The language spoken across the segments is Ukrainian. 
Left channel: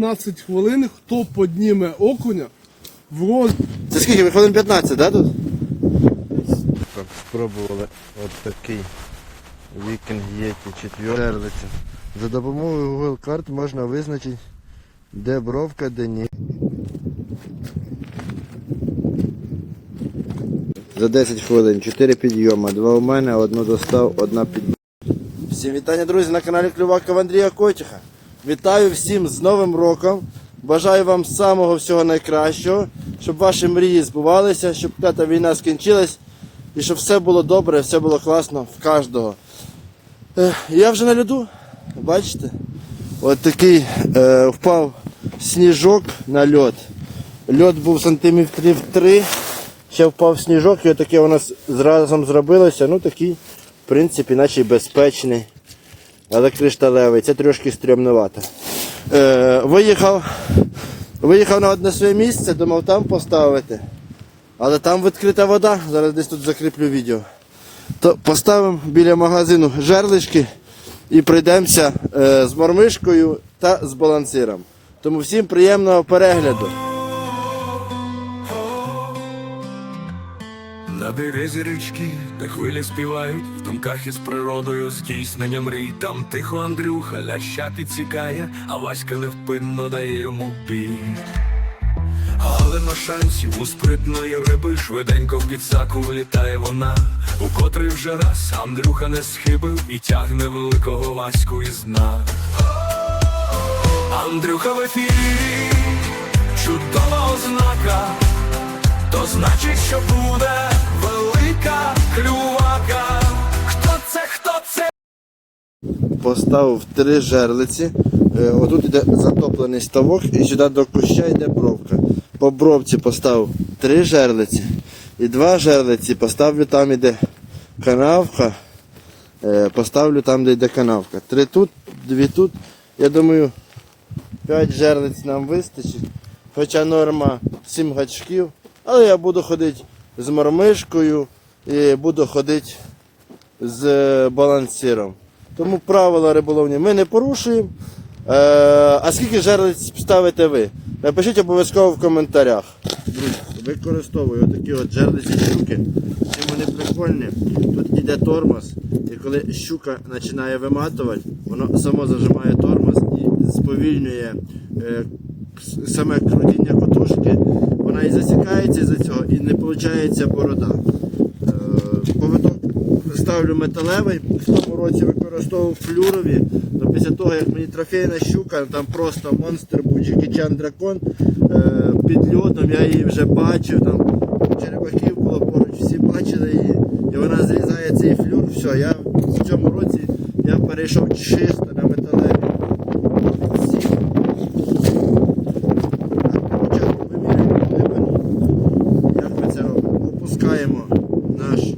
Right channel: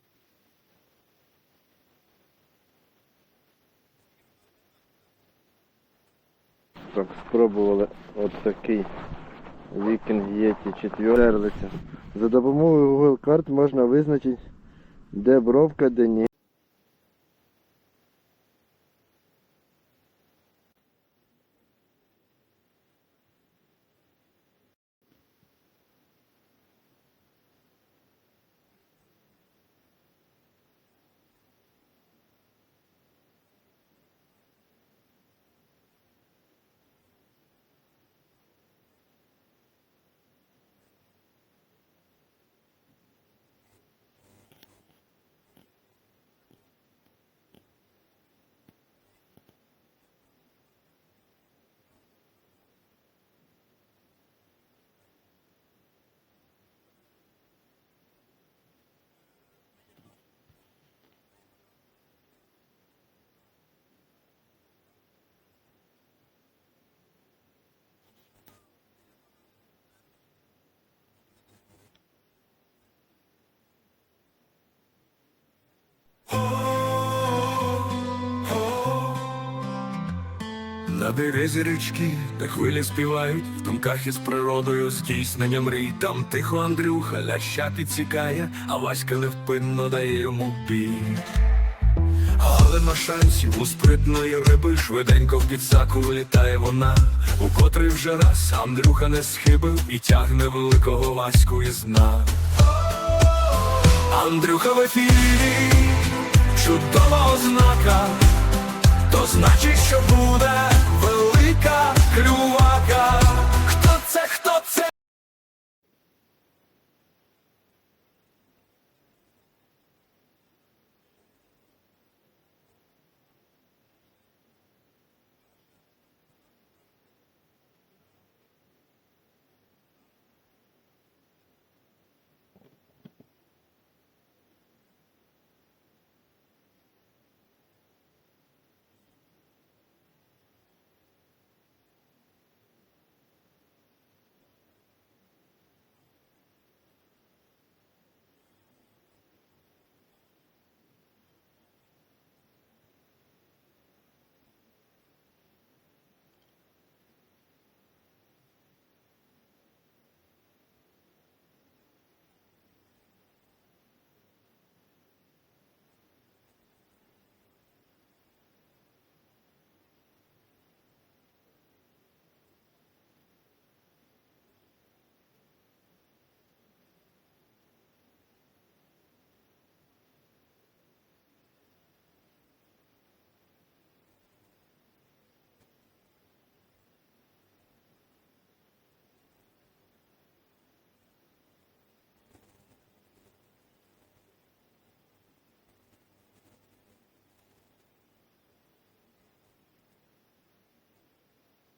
15 хвилин, хто підніме окуня в роз... Це скільки? Ви хвилин 15, да, тут? Так, спробували от такий вікінг Єті четвертий. За допомогою Google карт можна визначити, де бровка, де ні. За 10 хвилин 4 підйома, 2 у мене, одну достав, одна під. Всім вітання, друзі, на каналі Клювакова Андрія Котіха. Вітаю всім з Новим роком. Бажаю вам самого всього найкращого, щоб ваші мрії збувалися, щоб та війна скінчилась і щоб все було добре, все було класно в кожного. Я вже на льоду, бачите? От такий е, впав сніжок на льод. Льод був сантиметрів 3, ще впав сніжок, і отаке у нас зразом зробилося. Ну такий, в принципі, наче безпечний. Але кришталевий, це трошки стрімнувато. Е, виїхав, виїхав на одне своє місце, думав там поставити. Але там відкрита вода, зараз десь тут закріплю відео. То поставимо біля магазину жерлишки і пройдемося е, з мормишкою та з балансиром. Тому всім приємного перегляду. На березі річки, де хвилі співають, в думках із природою здійснення мрій. Там тихо Андрюха ляща підсікає, а Васька невпинно дає йому бій. Але на шансів у спритної риби швиденько в підсаку влітає вона, у котрий вже раз Андрюха не схибив і тягне великого Ваську із дна. Андрюха в ефірі, чудова ознака. То значить, що буде велика клювака. Хто це, хто це? Поставив три жерлиці. Е, Отут іде затоплений ставок і сюди до куща йде бровка. По бровці поставив три жерлиці. І два жерлиці поставлю там, іде канавка. Е, Поставлю там, де йде канавка. Три тут, дві тут. Я думаю, п'ять жерлиць нам вистачить. Хоча норма сім гачків. Але я буду ходити з мормишкою і буду ходити з е, балансиром. Тому правила риболовні ми не порушуємо. Е, а скільки жерлиць ставите ви? Напишіть обов'язково в коментарях. Використовую отакі от жерлиці щуки. Чим вони прикольні. Тут йде тормоз, і коли щука починає виматувати, воно само зажимає тормоз і сповільнює е, саме крутіння котушки. Вона і засікається за цього, і не виходить борода. Поводок ставлю металевий, в тому році використовував флюрові. то після того, як мені трофейна щука, там просто монстр був Джекічан дракон е, під льодом, я її вже бачив, там черепахів було поруч, всі бачили її, і вона зрізає цей флюр. Все, я в цьому році я перейшов чисто на металеві. Всі. Так, Спочатку вимірюємо глибину. Як ми це робимо? Опускаємо наш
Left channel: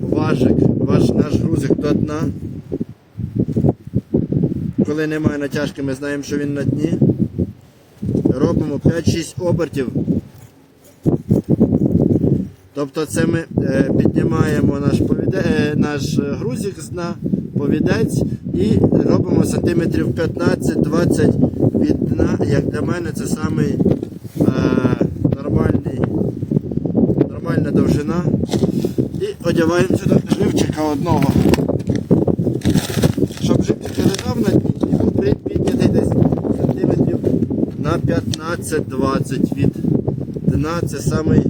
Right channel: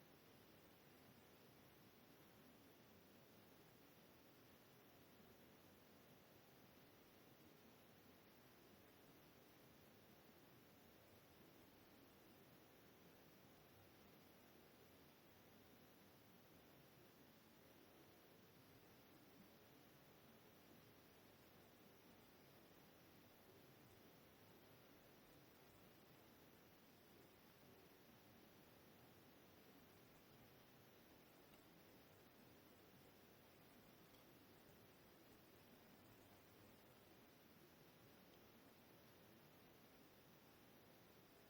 важик, ваш, наш грузик до дна. Коли немає натяжки, ми знаємо, що він на дні. Робимо 5-6 обертів. Тобто це ми е, піднімаємо наш, повіде, е, наш грузик з дна, повідець і робимо сантиметрів 15-20 від дна. Як для мене це самий е, нормальний, нормальна довжина. І одягаємо сюди живчика одного. Щоб живчик не лежав на дні і був при- піднятий десь сантиметрів на 15-20 від дна. Це самий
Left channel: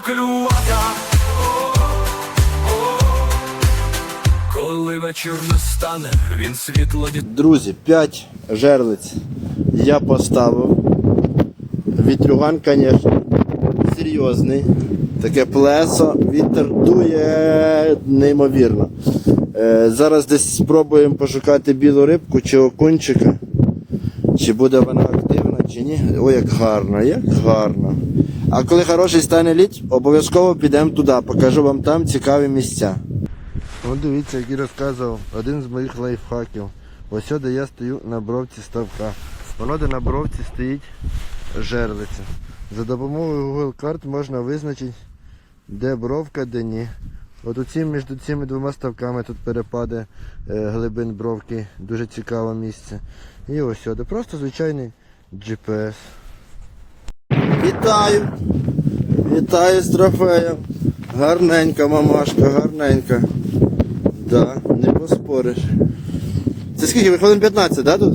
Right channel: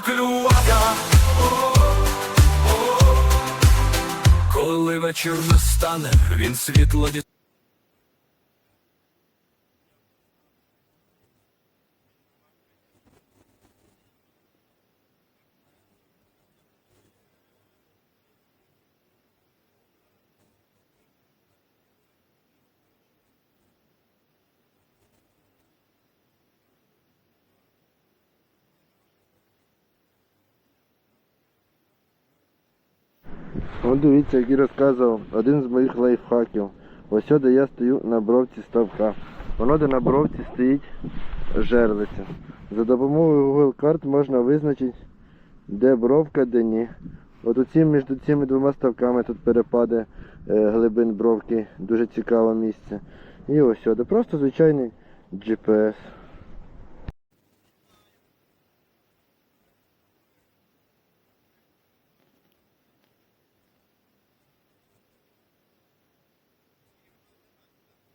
канал Клювака. Коли вечір настане, він світло від Друзі, 5 жерлиць я поставив. Вітрюган, звісно, серйозний. Таке плесо, вітер дує неймовірно. Е, зараз десь спробуємо пошукати білу рибку чи окунчика. Чи буде вона активна, чи ні. Ой, як гарно, як гарно. А коли хороший стане лід, обов'язково підемо туди, покажу вам там цікаві місця. О, дивіться, як і розказував один з моїх лайфхаків. Ось де я стою на бровці ставка. Воно де на бровці стоїть жерлиця. За допомогою Google карт можна визначити, де бровка, де ні. От оці, між цими двома ставками тут перепади е, глибин бровки, дуже цікаве місце. І ось сюди. Просто звичайний GPS. Вітаю! Вітаю з трофеєм. Гарненька мамашка, гарненька. Да, не поспориш. Це скільки? Виходимо 15, да, тут?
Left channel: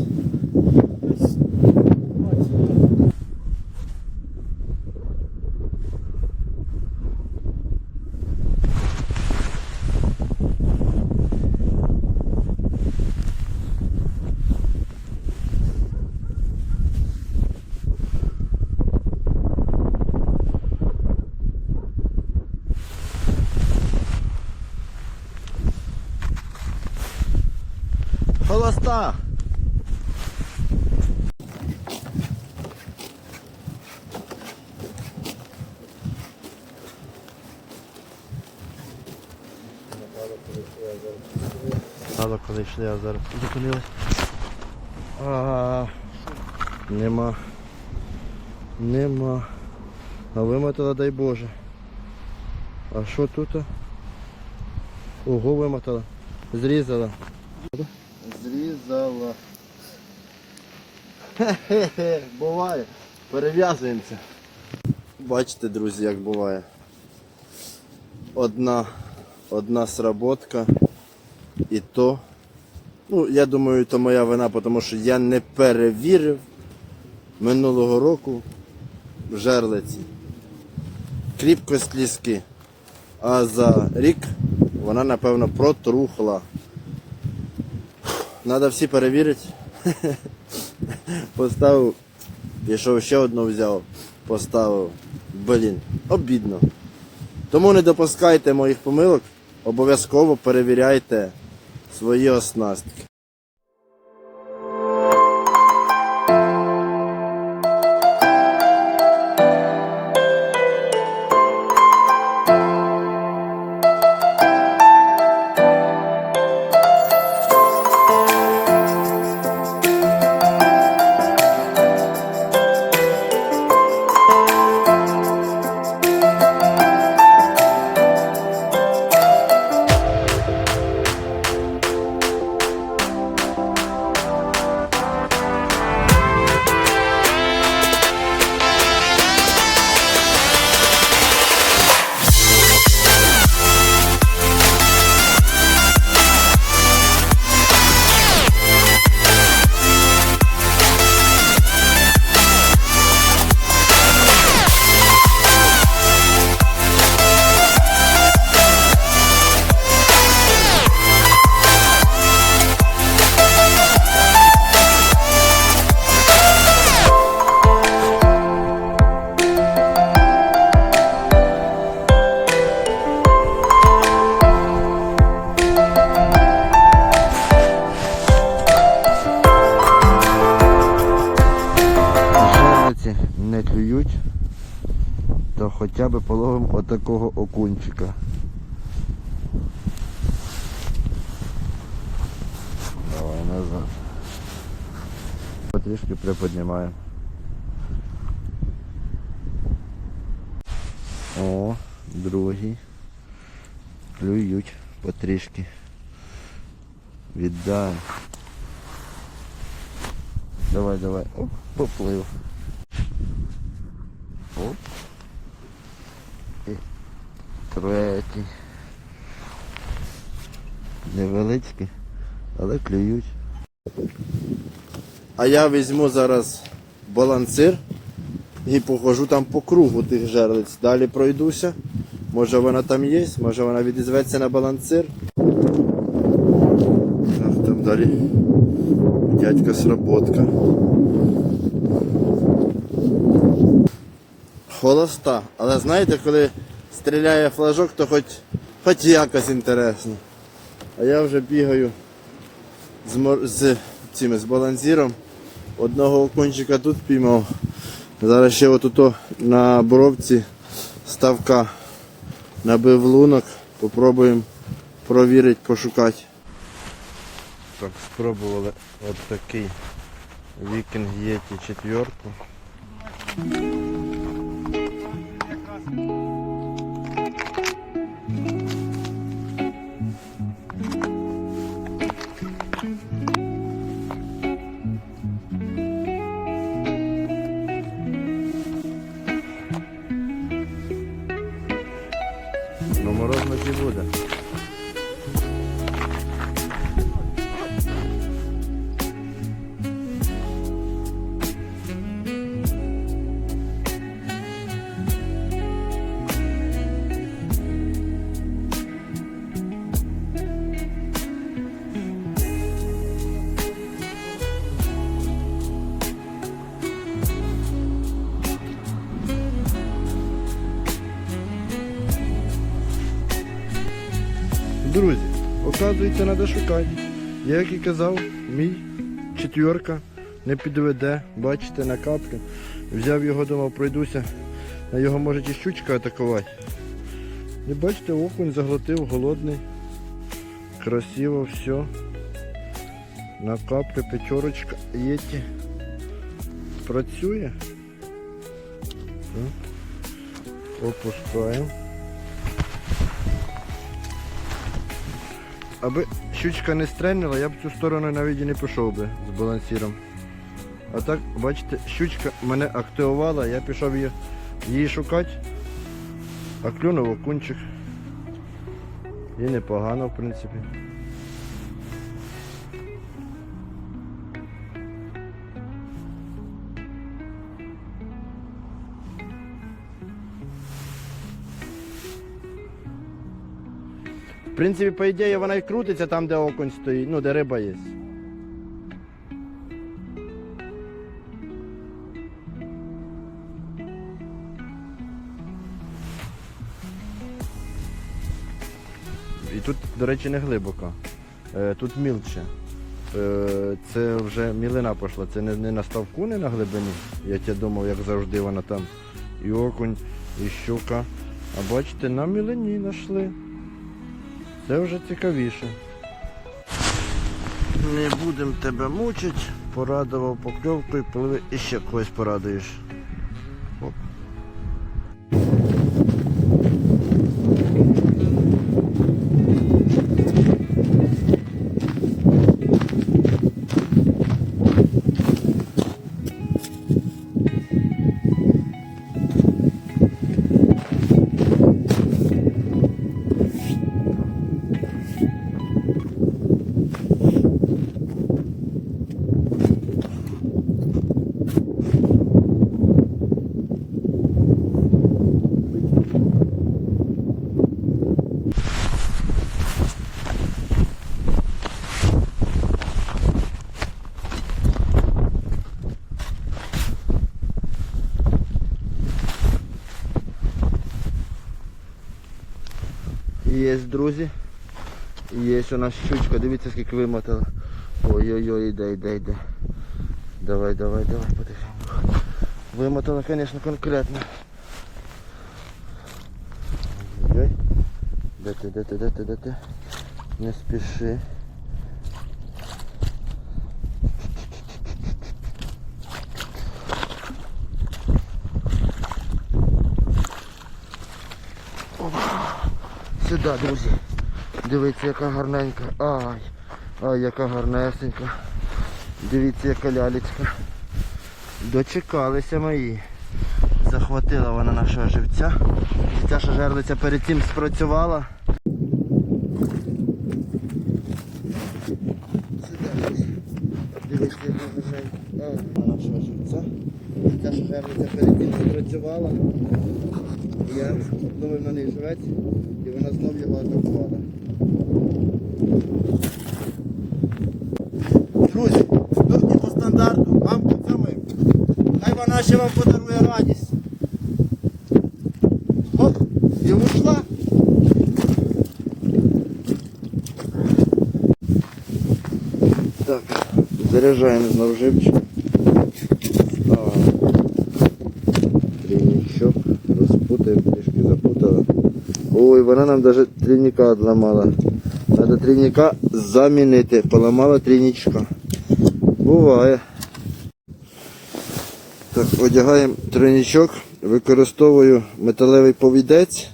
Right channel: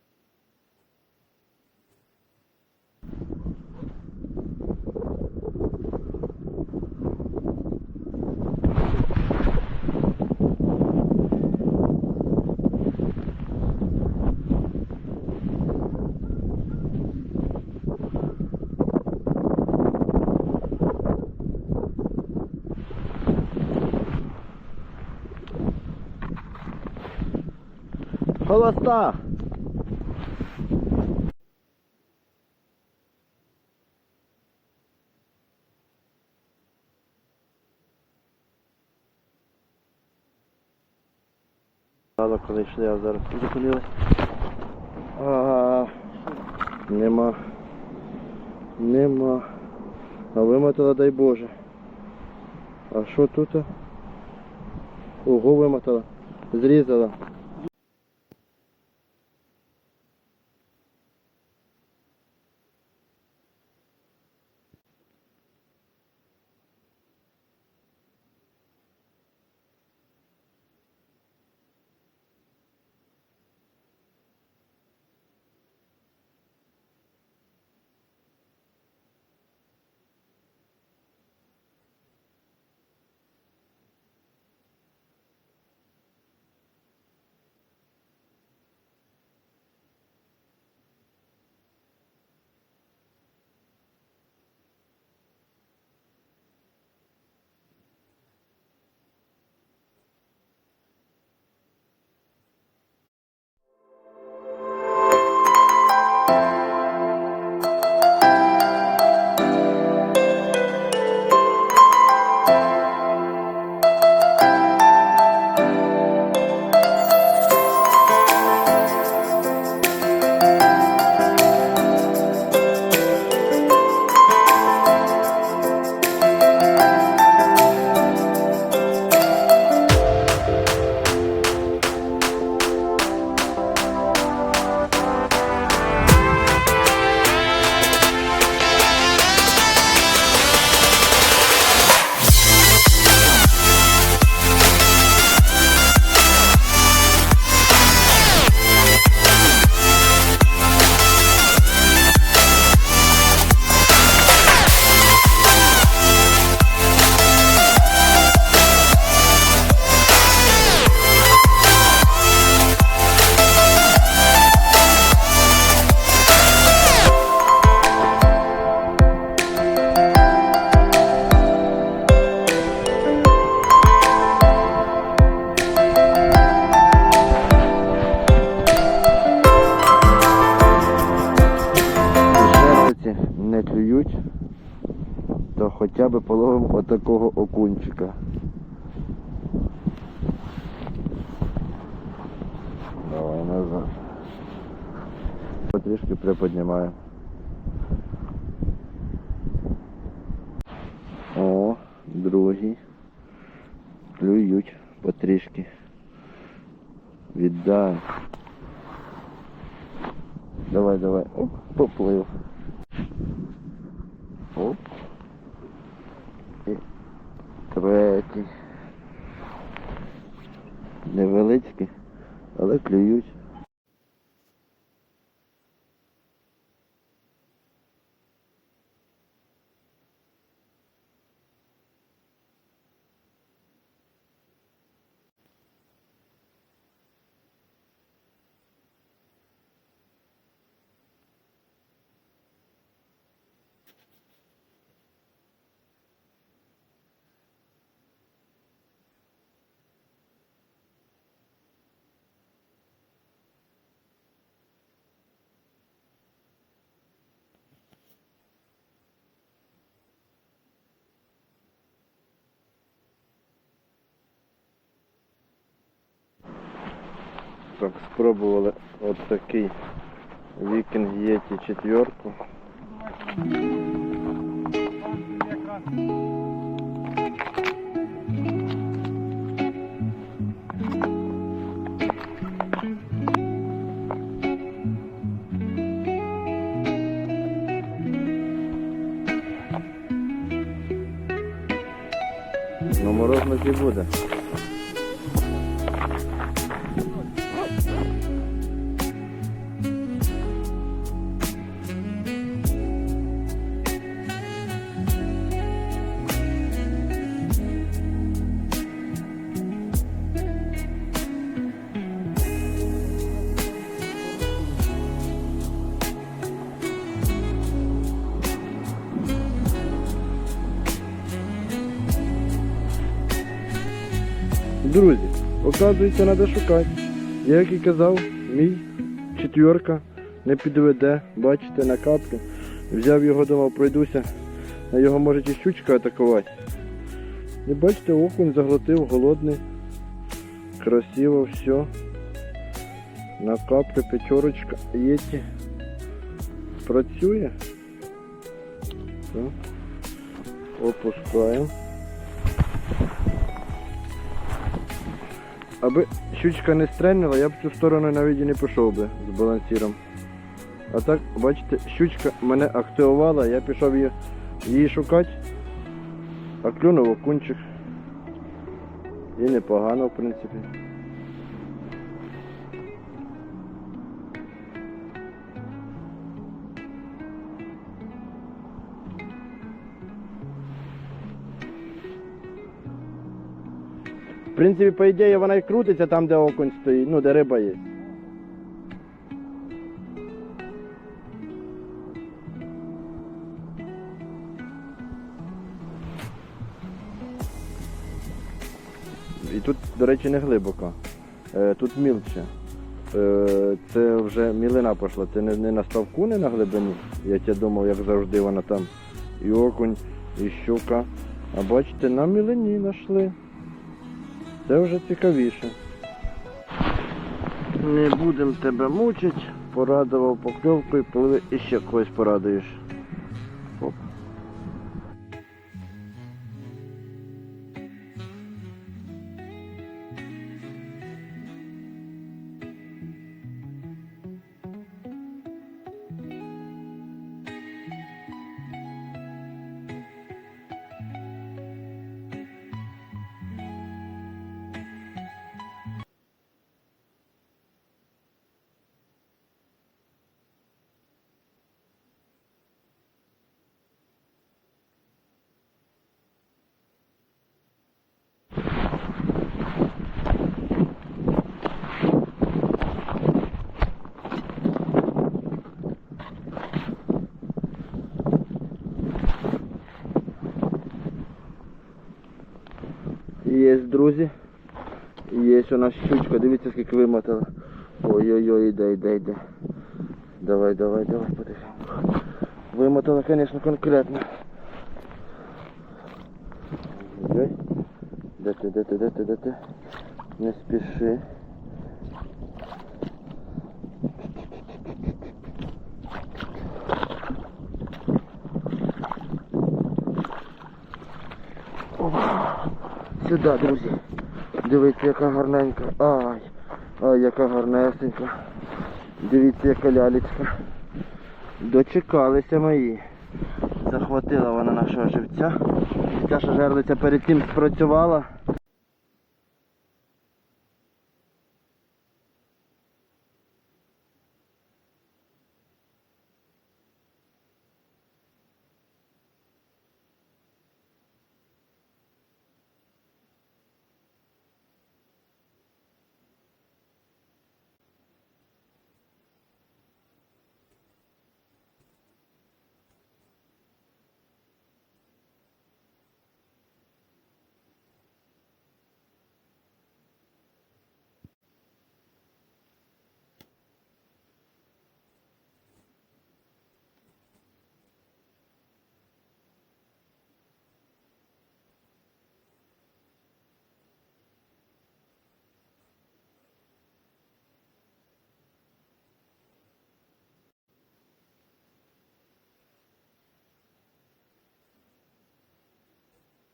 Холоста! Стало, коли йшли, а зараз зупинились. Нема. Нема. А вимотала, дай Боже. А що тут? Ого, вимотала. Зрізала. Хе-хе-хе, буває. Перев'язуємося. Бачите, друзі, як буває. Одна, одна сработка. І то. Ну, я думаю, то моя вина, тому що я не перевірив минулого року в жерлиці. Кріпкость ліски. А за рік вона, напевно, протрухла. Надо всі перевірити. Поставив, пішов ще одну взяв, поставив. Блін, обідно. Тому не допускайте моїх помилок, обов'язково перевіряйте свої оснастки. Давай назад. Потрішки приподнімаємо. О, другий. Клюють потрішки. Віддаємо. Давай, давай. Оп, поплив. Оп. І третій. Невеличкі, але клюють. А я візьму зараз балансир і похожу там по кругу тих жерлиць. Далі пройдуся. Може вона там є, може вона відізветься на балансир. Так, там далі дядька сработка. холоста. Але знаєте, коли стріляє флажок, то хоч, хоч якось інтересно. А я вже бігаю з, з, цими, з балансіром. Одного окунчика тут піймав. Зараз ще отут на боровці ставка набив лунок. Попробуємо провірити, пошукати. Так, спробували от такий вікінг Єті четверку. Оказується, треба шукати. Як і казав, мій четверка не підведе, бачите, на каплю. Взяв його, думав, пройдуся, а його може і щучка атакувати. І бачите, окунь заглотив, голодний. Красиво все. На каплю п'ятерочка єті. Працює. Так. Опускаємо. Аби щучка не стрельнула, я б цю сторону навіть і не пішов би з балансіром. А так, бачите, щучка мене активувала, я пішов її, її шукати, а клюнув окунчик. І непогано, в принципі. В принципі, по ідеї вона і крутиться там, де окунь стоїть, ну де риба є. І тут, до речі, не глибоко. Е, Тут мілче. Е, Це вже мілина пішла. Це не, на ставку, не на глибині. Я тебе думав, як завжди вона там. І окунь, і щука. А бачите, на мілині знайшли. Це вже цікавіше. Не будемо тебе мучити. Порадував покльовкою, пливи і ще когось порадуєш. Є, друзі. Є у нас щучка, дивіться скільки вимотала. Ой-ой-ой, йде, йде, йде. Давай, давай, давай, потихеньку. Вимотала, звісно, конкретно. Ой-ой. Де ти, де ти, де ти, де ти? Не спіши. Сюди, друзі. Дивіться, яка гарненька. Ай, ай, яка гарнесенька. Дивіться, яка лялечка. Дочекалися мої. Захватила вона нашого живця. Ця жерлиця перед цим спрацювала. Дивіться, яка гарненька. Нашого живця. Ця жерлиця перед цим спрацювала. Я думаю, на неї жрець і вона знов його атакувала. Друзі, турки по стандарту, вам саме. Хай вона ще вам подарує радість. Оп, і ушла. Так, заряджаємо знову живчик. Вона нам навіть трійника одламала. Треба трійника замінити. Поламала трійничка. Буває. Так, одягаємо тройничок, використовую металевий повідець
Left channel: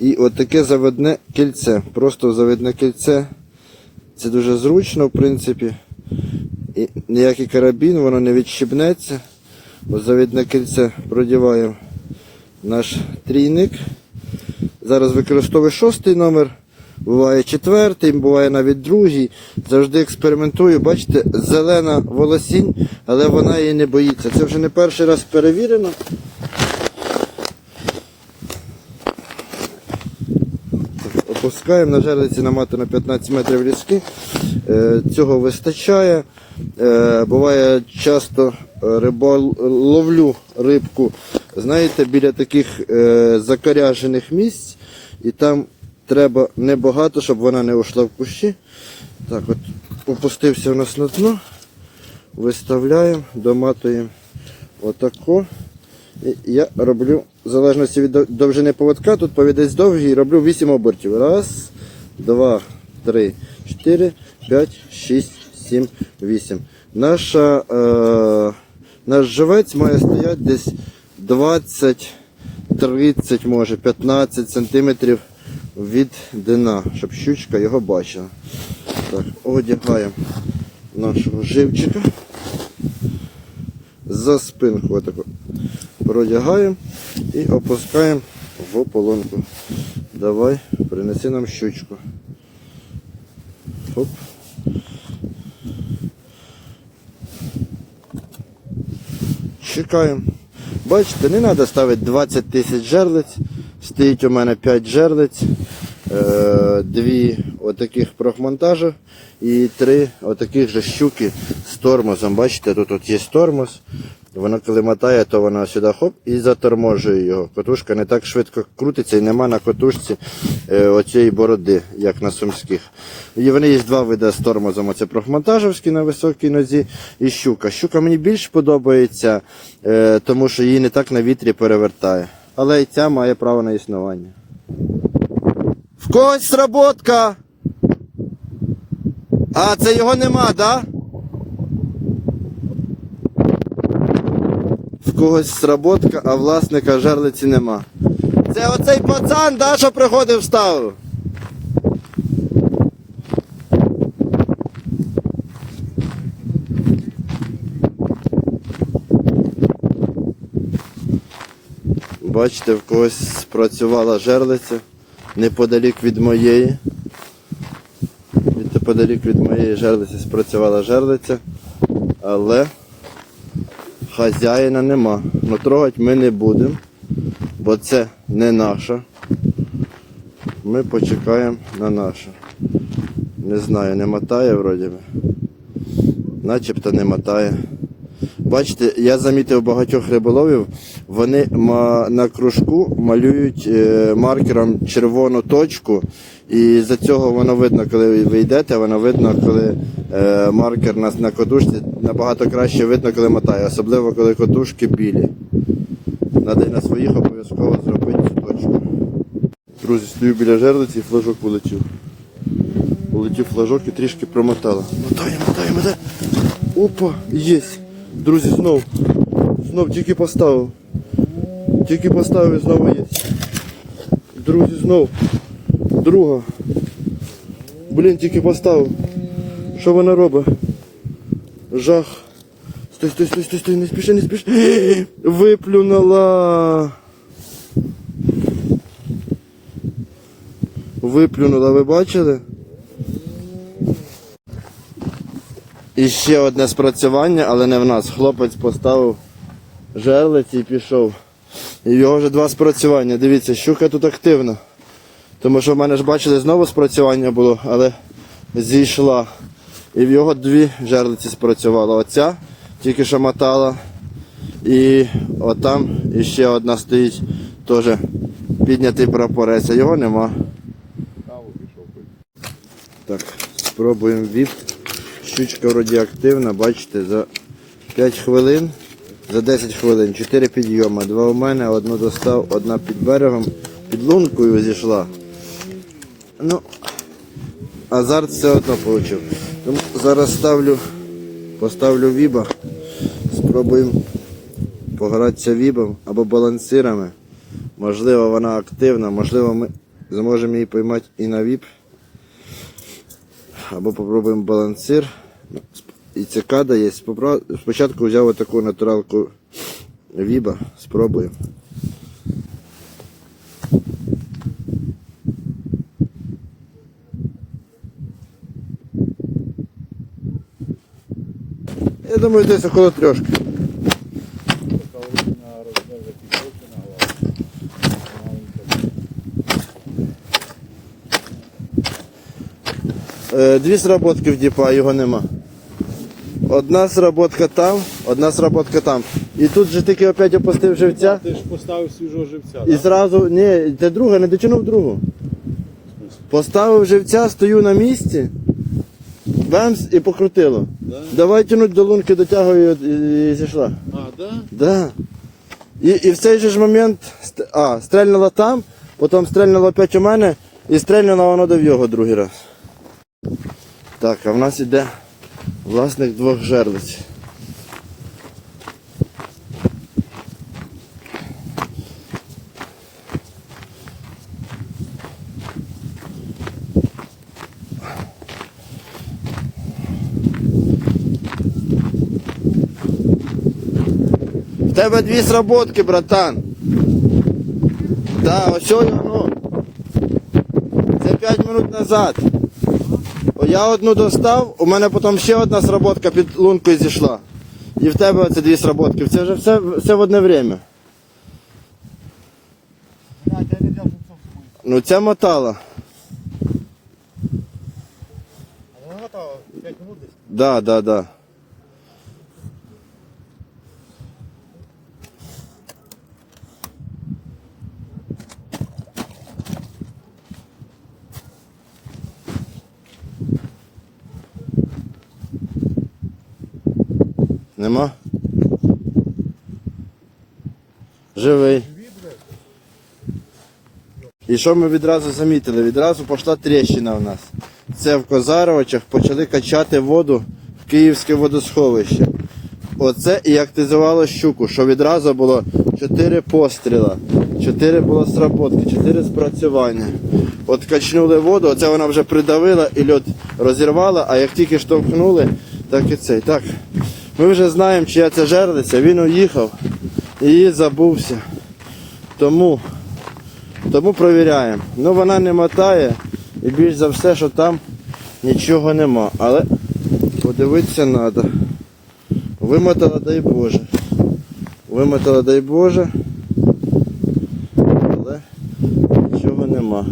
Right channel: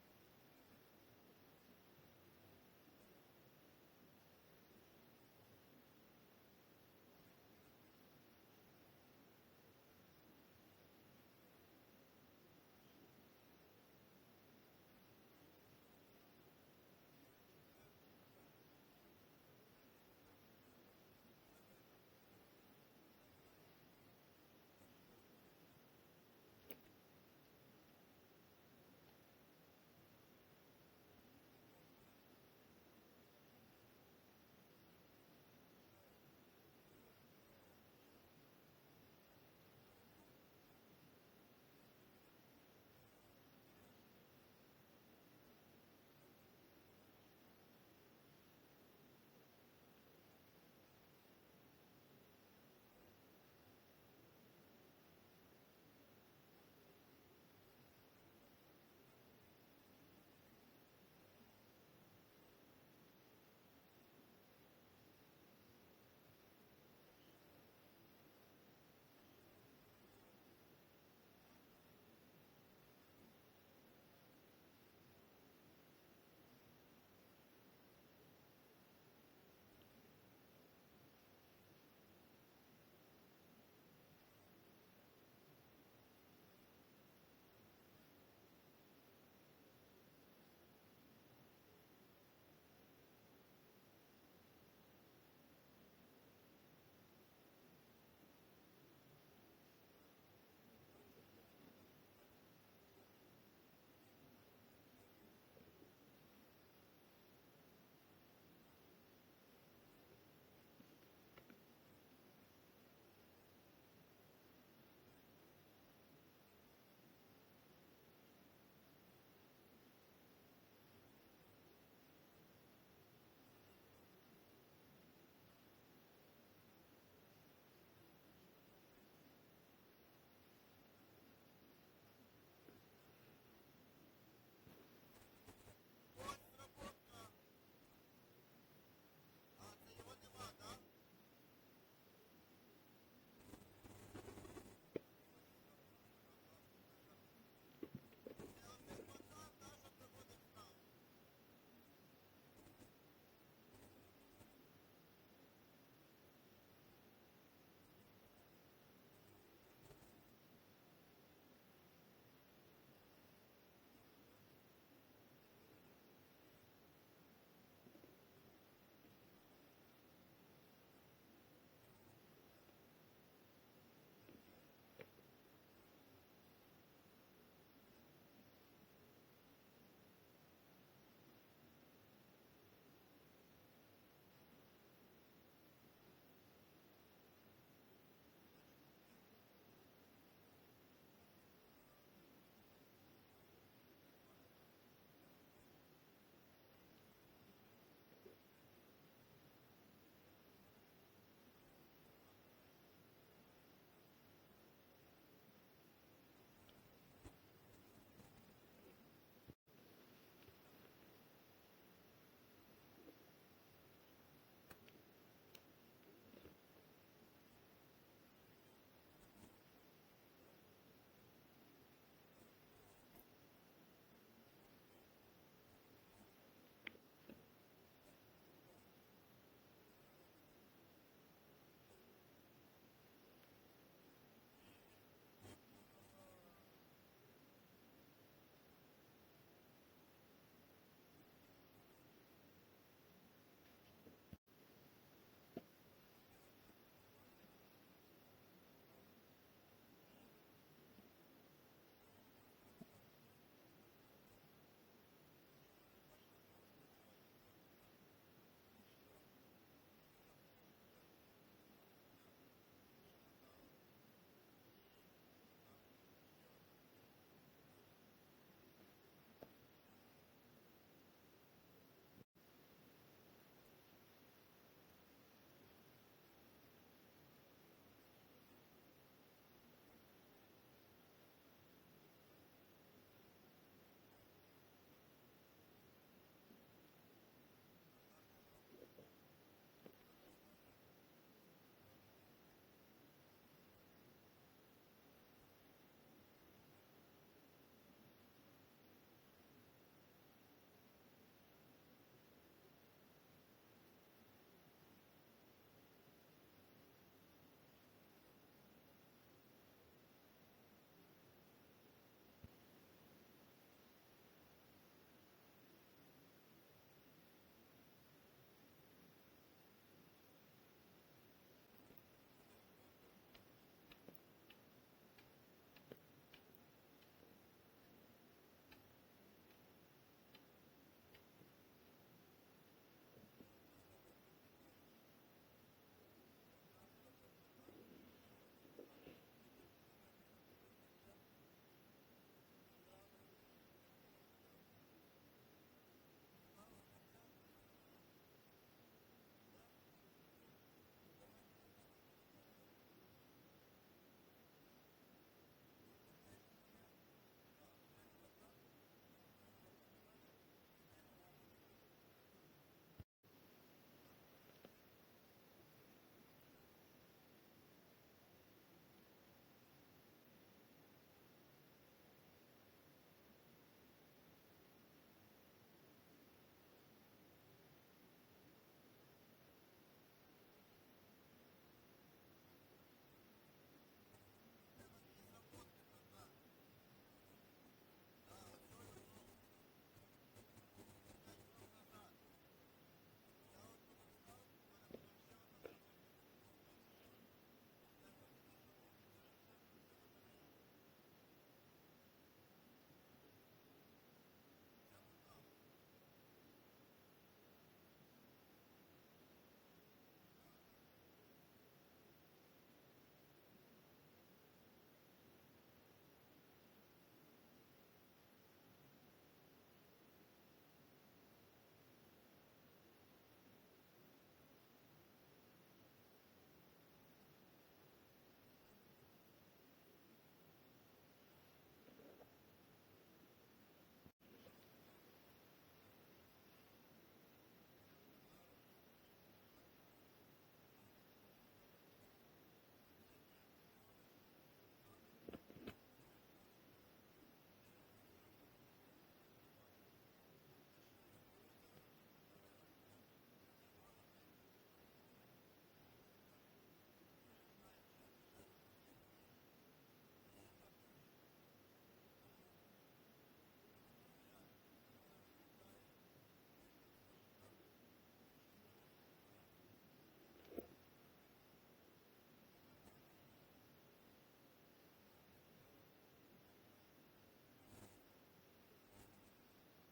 і отаке заводне кільце. Просто заводне кільце. Це дуже зручно, в принципі. І ніякий карабін, воно не відщібнеться. Ось завідне кільце продіваємо наш трійник. Зараз використовую шостий номер, буває четвертий, буває навіть другий. Завжди експериментую. Бачите, зелена волосінь, але вона її не боїться. Це вже не перший раз перевірено. Опускаємо на жерлиці наматано 15 метрів різки. Е, Цього вистачає. Е, Буває часто рибол... ловлю рибку, знаєте, біля таких е, закаряжених місць, і там треба небагато, щоб вона не ушла в кущі. Так, от опустився у нас на дно, виставляємо, доматуємо отако. І я роблю, в залежності від довжини поводка, тут повідець довгий, роблю 8 обертів. Раз, два, три, чотири, п'ять, шість, сім, вісім. Наша, е, наш живець має стояти десь 20, 30, може 15 сантиметрів від дна, щоб щучка його бачила. Так, одягаємо нашого живчика за спинку отако продягаємо і опускаємо в ополонку. Давай, принеси нам щучку. Хоп. Чекаємо. Бачите, не треба ставити 20 тисяч жерлиць. Стоїть у мене 5 жерлиць, е, дві отаких прохмонтажа і три отаких же щуки з тормозом. Бачите, тут от є тормоз. Вона коли мотає, то вона сюди хоп і заторможує його. Котушка не так швидко крутиться і нема на котушці е, оцієї бороди, як на сумських. І вони є два види з тормозом. Оце прохмонтажовський на високій нозі і щука. Щука мені більш подобається, е, тому що її не так на вітрі перевертає. Але і ця має право на існування. В когось сработка! А, це його нема, так? Да? В когось сработка, а власника жерлиці нема. Це оцей пацан, да, що приходив ставив? Бачите, в когось спрацювала жерлиця неподалік від моєї. Неподалік від моєї жерлиці спрацювала жерлиця, але хазяїна нема. Ну трогати ми не будемо, бо це не наша. Ми почекаємо на нашу. Не знаю, не мотає вроді. Начебто не мотає. Бачите, я замітив багатьох риболовів, вони на кружку малюють е, маркером червону точку, і за цього воно видно, коли ви йдете, воно видно, коли маркер на, на котушці набагато краще видно, коли мотає, особливо коли котушки білі. І на своїх обов'язково зробити цю точку. Друзі, стою біля жерлиці і флажок полетів. Полетів флажок і трішки промотало. Мотає, мотає, мотає. Опа, єсть. Друзі, знов. Знов тільки поставив. Тільки поставив і знову є. Друзі, знов. Друга. Блін, тільки поставив. Що вона робить? Жах. Стой, стой, стой, стой, стой, не спіши, не спіши. Виплюнула. Виплюнула, ви бачили? І ще одне спрацювання, але не в нас. Хлопець поставив жерлиці і пішов. І його вже два спрацювання. Дивіться, щука тут активна. Тому що в мене ж бачили, знову спрацювання було, але зійшла. І в його дві жерлиці спрацювала. Оця тільки що мотала. І отам іще одна стоїть, теж піднятий прапорець, а його нема. Так, спробуємо віп Щучка вроді активна, бачите, за 5 хвилин, за 10 хвилин, 4 підйома. Два у мене, одну достав, одна під берегом, під лункою зійшла. Ну, азарт все одно отримав. Тому зараз ставлю, поставлю віба, спробуємо погратися вібом або балансирами. Можливо, вона активна, можливо, ми зможемо її поймати і на віп. Або попробуємо балансир. І цикада є. Спочатку взяв таку натуралку віба, спробуємо. Думаю, десь около трьошки. Е, Дві сработки в діпа, його нема. Одна сработка там, одна сработка там. І тут же тільки опять опустив живця. Ти ж поставив свіжого живця. І зразу, ні, це друга, не дотягнув другу. Поставив живця, стою на місці, бемс і покрутило. Давай тянуть до лунки, дотягую і, і зійшла. А, да? Да. І, і в цей же ж момент ст- а, стрельнула там, потім стрельнула опять у мене і стрельнула воно до його другий раз. Так, а в нас іде власник двох жерлиць. Тебе дві сработки, братан. Да, ось воно. Це 5 минут назад. Я одну достав, у мене потім ще одна сработка під лункою зійшла. І в тебе оце дві сработки. Це вже все, все в одне время. Ну ця мотала. Да, да, да. Нема? Живий. І що ми відразу замітили? Відразу пішла тріщина в нас. Це в Козаровичах почали качати воду в Київське водосховище. Оце і активізувало щуку, що відразу було 4 постріла, 4 було сработки, 4 спрацювання. От качнули воду, оце вона вже придавила і льот розірвала, а як тільки штовхнули, так і цей. Так, ми вже знаємо, чия це жерлиця, він уїхав і забувся. Тому, тому провіряємо. Ну вона не мотає і більш за все, що там нічого нема. Але подивитися треба. Вимотала, дай Боже. Вимотала, дай Боже. Але нічого нема.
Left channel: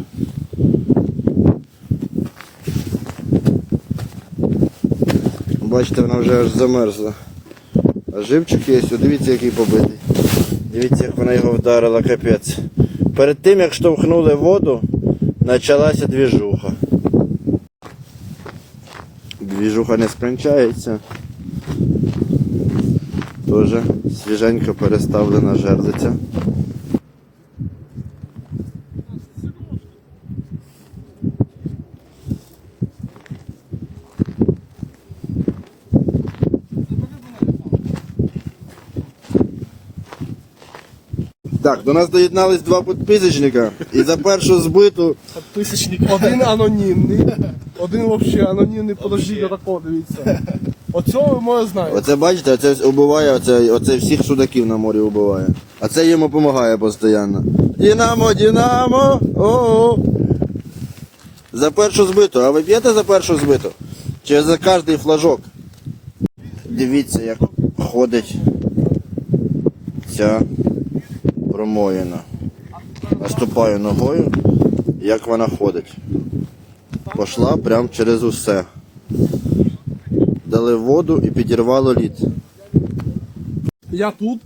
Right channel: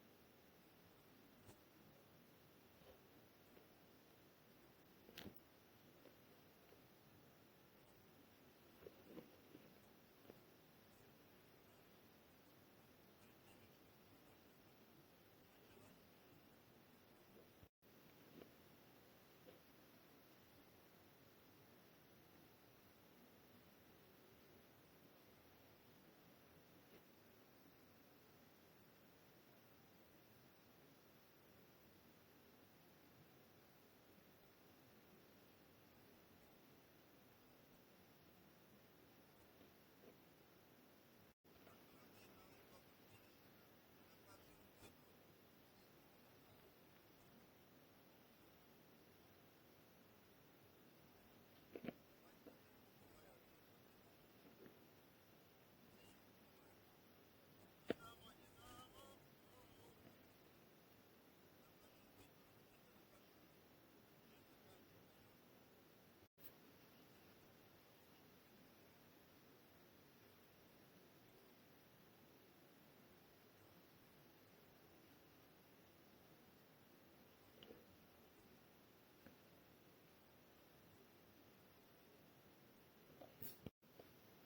Бачите, вона вже аж замерзла. А живчик є, дивіться, який побитий. Дивіться, як вона його вдарила, капець. Перед тим, як штовхнули воду, почалася двіжуха. Двіжуха не скінчається. Тоже свіженько переставлена жерлиця. До нас доєднались два підписочника. І за першу збиту Тисячник. Один анонімний, один взагалі анонімний, подождіть отако, дивіться. Оцього ви моє знаєте. Оце бачите, оце убиває, оце, оце всіх судаків на морі убиває. А це йому допомагає постійно. Дінамо, Дінамо! О-о! За першу збиту. А ви п'єте за першу збиту? Чи за кожний флажок? Дивіться, як ходить ця промоїна. Наступаю ногою, як вона ходить. Пошла прямо через усе дали воду і підірвало лід. Я тут,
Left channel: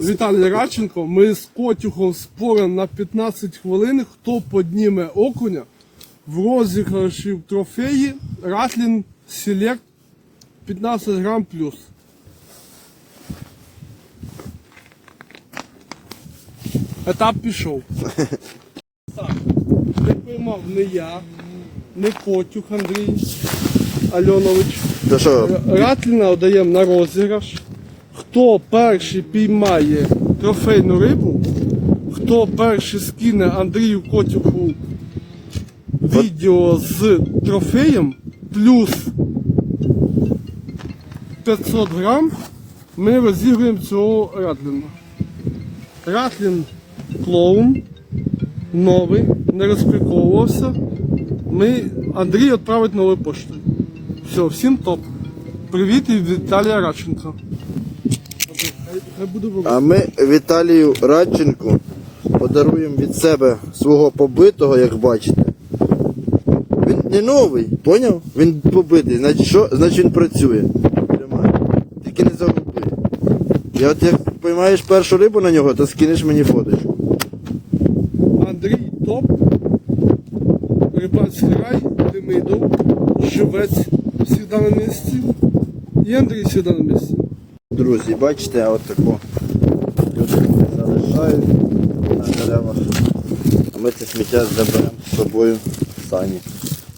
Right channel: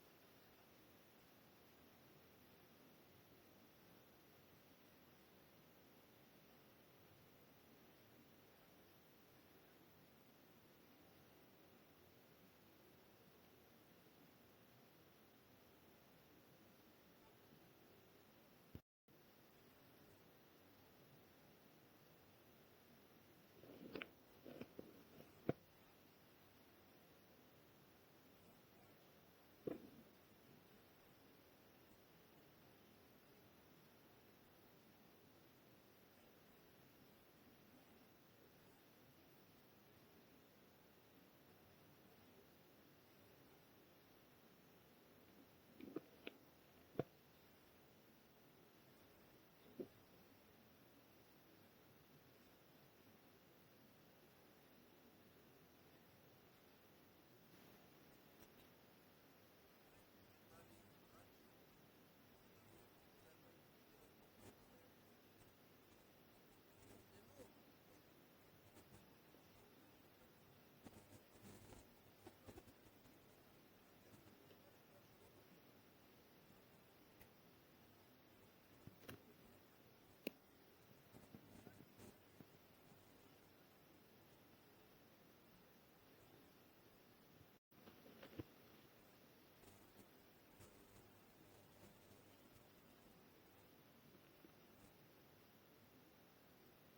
Віталій Радченко, ми з Котюхом споримо на 15 хвилин, хто підніме окуня в розіграші в трофеї Ратлін Селект 15 грам плюс. Етап пішов. Так, не поймав не я, не Котюх Андрій Альонович. То що, Ратліна даємо на розіграш. Хто перший піймає трофейну рибу, хто перший скине Андрію Котюху відео з трофеєм плюс 500 грам, ми розіграємо цього Ратліна. Ратлін клоун, новий, не розпаковувався. Ми Андрій відправить новою поштою. Все, всім топ. Привіт від Віталія в А ми Віталію Радченку подаруємо від себе свого побитого, як бачите. Він не новий, поняв? Він побитий. Значить, що? Значить він працює. Тримай. Тільки не загуби. І от як поймаєш першу рибу на нього, то скинеш мені фоточку. Андрій Топ, Рибацький рай, Демидов, Живець завжди на місці. І Андрій завжди на місці. Друзі, бачите, от таку люди залишають на деревах. А ми це сміття заберемо з собою в сані.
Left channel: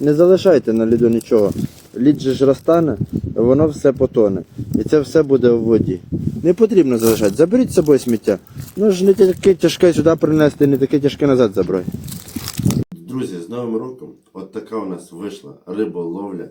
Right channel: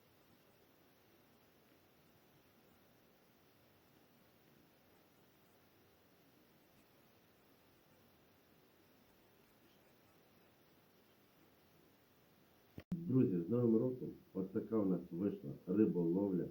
Не залишайте на ліду нічого. Лід же ж розтане, воно все потоне. І це все буде в воді. Не потрібно залишати. Заберіть з собою сміття. Ну ж не таке тяжке сюди принести, не таке тяжке назад забрати. Друзі, з Новим роком така у нас вийшла риболовля.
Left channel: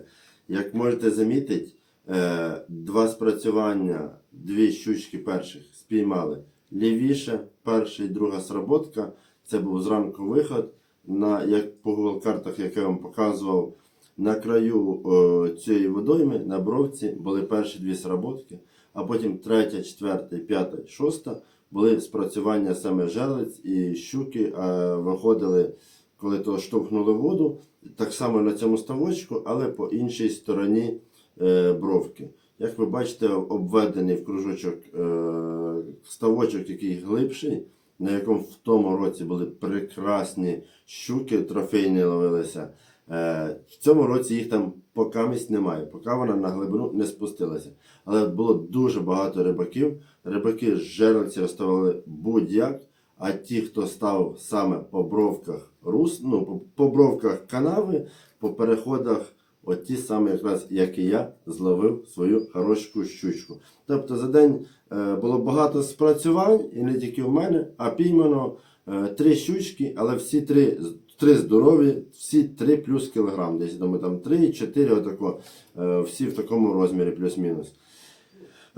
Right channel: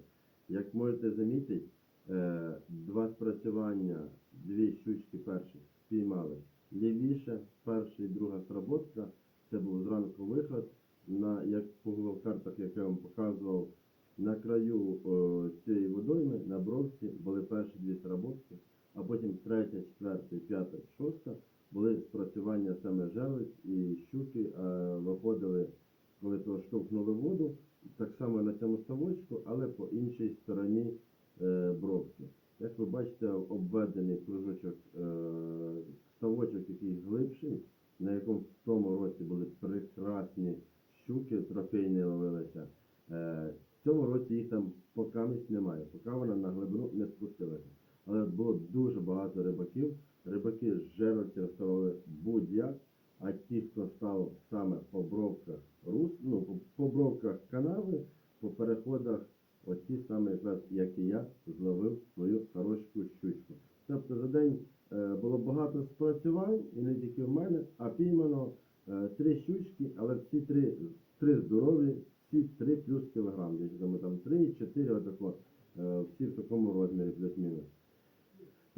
Як можете замітити, е, два спрацювання, дві щучки перших спіймали лівіше, перша і друга сработка. Це був зранку виход. На, як по Google картах, як я вам показував, на краю е, цієї водойми на бровці були перші дві сработки, а потім третя, четверта, п'ята, шоста були спрацювання саме жерлиць і щуки е, виходили, коли то штовхнули воду, так само на цьому ставочку, але по іншій стороні е, бровки. Як ви бачите, обведений в кружочок е, ставочок, який глибший, на якому в тому році були прекрасні щуки, трофейні ловилися. Е, в цьому році їх там покамість немає, поки вона на глибину не спустилася. Але було дуже багато рибаків. Рибаки з жерлиці розставили будь-як, а ті, хто став саме по бровках рус, ну, по, бровках канави, по переходах, от ті самі, якраз як і я, зловив свою хорошу щучку. Тобто за день е, було багато спрацювань, і не тільки в мене, а піймано е, три щучки, але всі три, три здорові, всі три плюс кілограм. Десь думаю, там три, чотири, отако, е, всі в такому розмірі, плюс-мінус.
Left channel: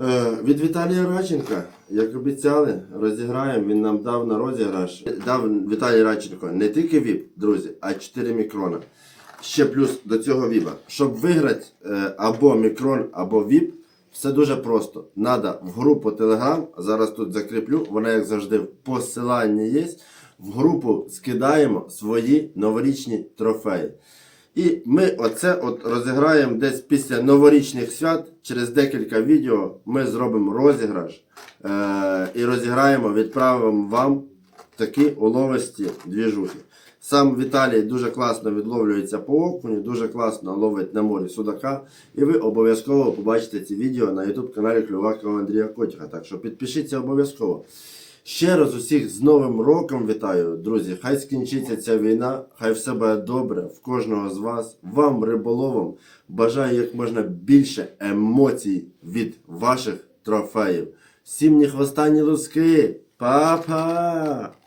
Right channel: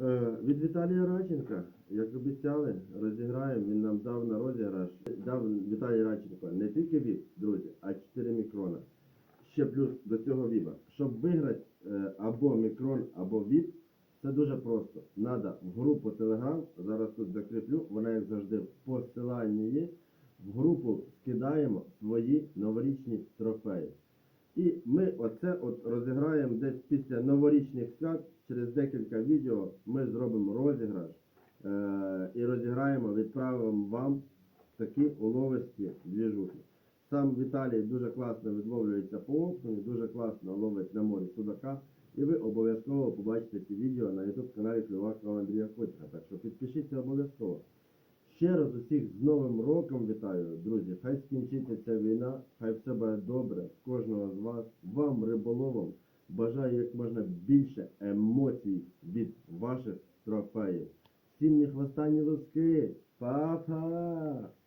Е, Від Віталія Радченка, як обіцяли, розіграємо. Він нам дав на розіграш. Дав Віталій Радченко не тільки ВІП, друзі, а 4 мікрона. Ще плюс до цього ВІПа. Щоб виграти е, або мікрон, або ВІП, все дуже просто. Надо в групу Telegram, зараз тут закріплю, вона, як завжди, в посиланні є. В групу скидаємо свої новорічні трофеї. І ми оце от розіграємо десь після новорічних свят. Через декілька відео ми зробимо розіграш е- і розіграємо, відправимо вам такі уловисті двіжухи. Сам Віталій дуже класно відловлюється по окуню, дуже класно ловить на морі судака. І ви обов'язково побачите ці відео на YouTube каналі Клювакова Андрія Котіха. Так що підпишіться обов'язково. Ще раз усіх з Новим роком вітаю, друзі. Хай скінчиться ця війна, хай все буде добре в кожного з вас. Вам, риболовам, бажаю як можна більше емоцій від ваших трофеїв. Всім ні хвоста, ні луски. Па-па!